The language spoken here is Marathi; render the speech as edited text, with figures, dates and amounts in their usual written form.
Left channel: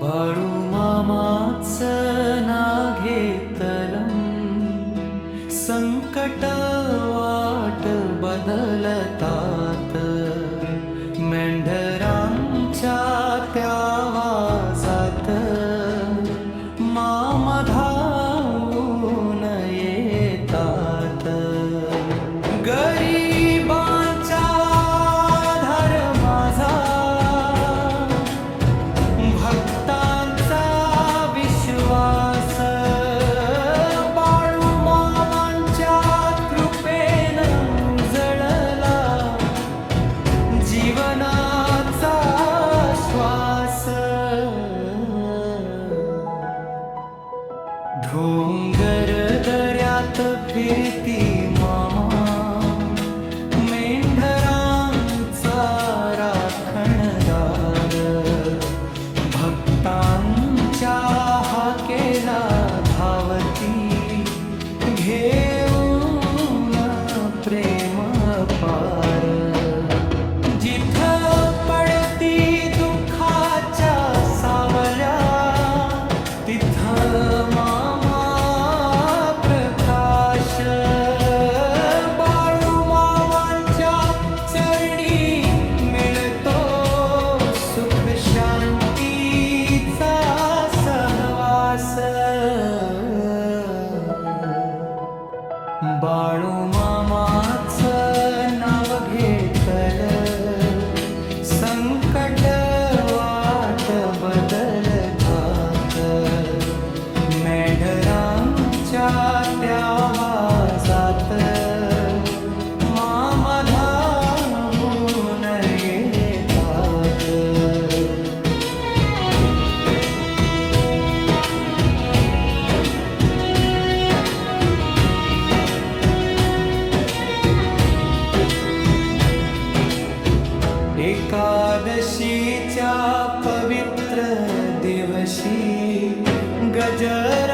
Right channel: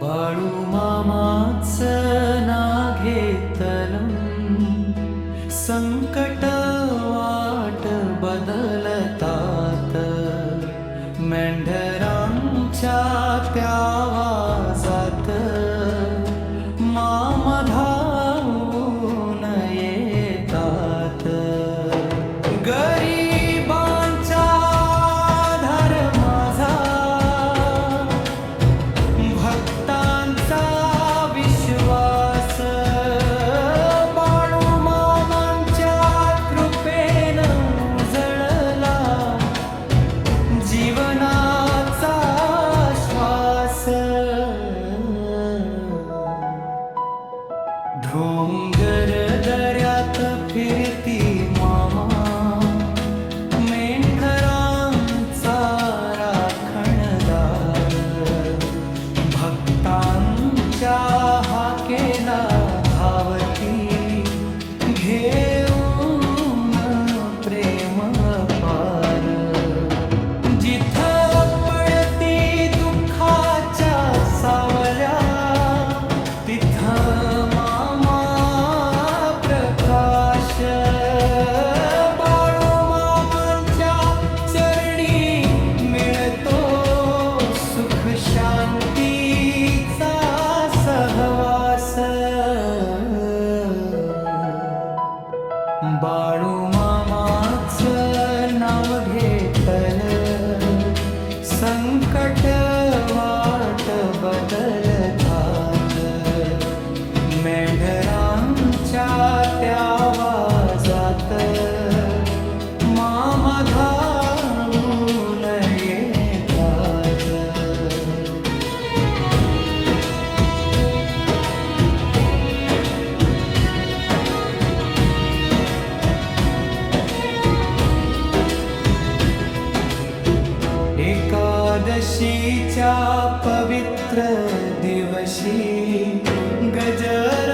बाळू मामाचं ना घेतलं संकट वाट बदलतात मेंढरांच्या त्या आवाजात मामा धावून येतात गरिबांचा आधार माझा भक्तांचा विश्वास बाळू मामांच्या कृपेनं उजळला जीवनाचा श्वास डोंगर दऱ्यात फिरती मामा मेंढरांचा राखणदार भक्तांच्या हाकेला धावती घेऊन प्रेम पार जिथं पडती दुःखाच्या सावल्या तिथं मामा प्रकाश बाळू मामांच्या चरणी मिळतो सुख शांतीचा सहवास बाळू मामाचं नाव घेतलं संकट वाट बदलतात मेंढरांच्या त्या आवाजात मामा धावून येतात एकादशीच्या पवित्र दिवशी गजर